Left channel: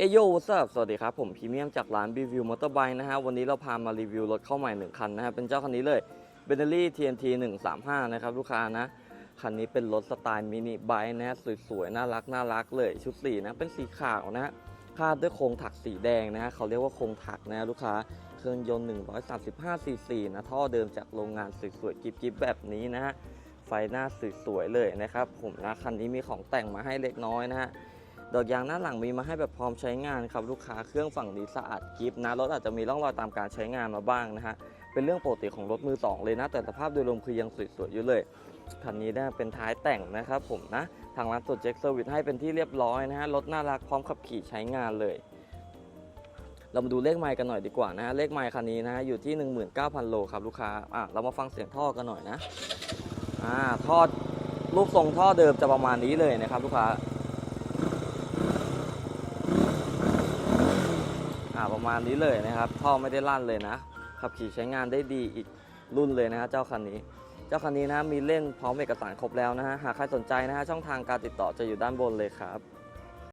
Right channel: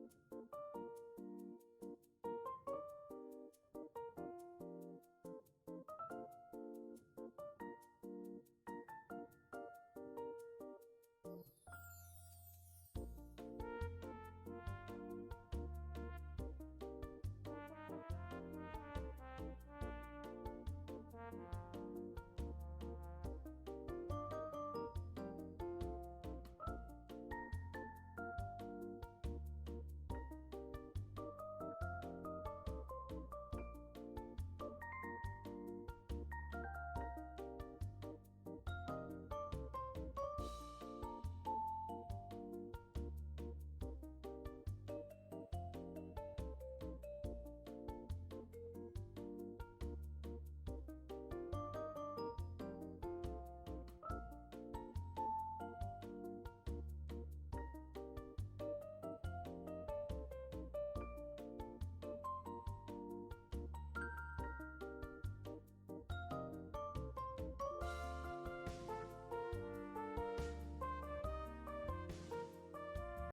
เอโยวัสสวัสดีครับ ผมพรีเมียมจากร้าน b ีวิวมอเตอร์ไบค์นะฮะ วันนี้เราพามารีวิวรถเข้าใหม่หนึ่งคันนะฮะ เป็นเจ้าคันนี้เลย b e n t l e y TNT 135 นะครับ ลูกค้านะ คันนี้เป็นรถสไตล์มินิไบค์นะฮะ สวยๆ น่ารักน่ารักเลย ชุดสีนะ เป็นสีขาวนะฮะคาดด้วยโครงถักสีแดงนะฮะเขาเรียกว่าโครงถักนะฮะลูกค้า เครื่องยนต์ 135 ซีซีนะ ท่อเดิมจากโรงงานสวยๆกิ๊บๆแบบนี้นะฮะ ไฟหน้าสวยๆเลยนะครับ ผมนะ คันนี้มีของแต่งมาให้เล็กน้อยนะฮะ ดอกยางหน้าหลังมีมาให้แบบพร้อมใช้งานครับลูกค้าเครื่องฝั่งนี้สะอาดกิฟนะรถอาจจะมีร่องรอยตามการใช้งานมาบ้างนะฮะเป็นเรื่องปกติของรถมือสองเลยนะ แต่สภาพโดยรวมคือยังสวยๆอยู่เลยคันนี้นะเป็นท้ายแต่งนะครับผมนะทางร้านตรวจเช็คเซอร์วิสให้เป็นที่เรียบร้อยนะฮะรถน่ารักพร้อมขับขี่ใช้งานเลยเรามาดูเลขไมล์กันหน่อยดีกว่านะฮะเลขไมล์คันนี้นะฮะอยู่ที่ 19,000 โลครับลูกค้าอะเรามาฟังเสียงท่อกันหน่อยนะอ่าท่อลูกทรงท่อเดิมจะประมาณนี้เลยนะครับลูกค้า ประมาณนี้เลยนะครับ ท่อไม่ได้ลั่นเลยนะ ขับขี่ใช้งานได้ดีอีกรุ่นเลยนะฮะเจ้าคันนี้ เจ้าคันนี้นะมีเล่นพร้อมเอกสารครบแล้วนะฮะ หากใครสนใจนะฮะช่องทางการติดต่อจะอยู่ด้านบนเลยครับ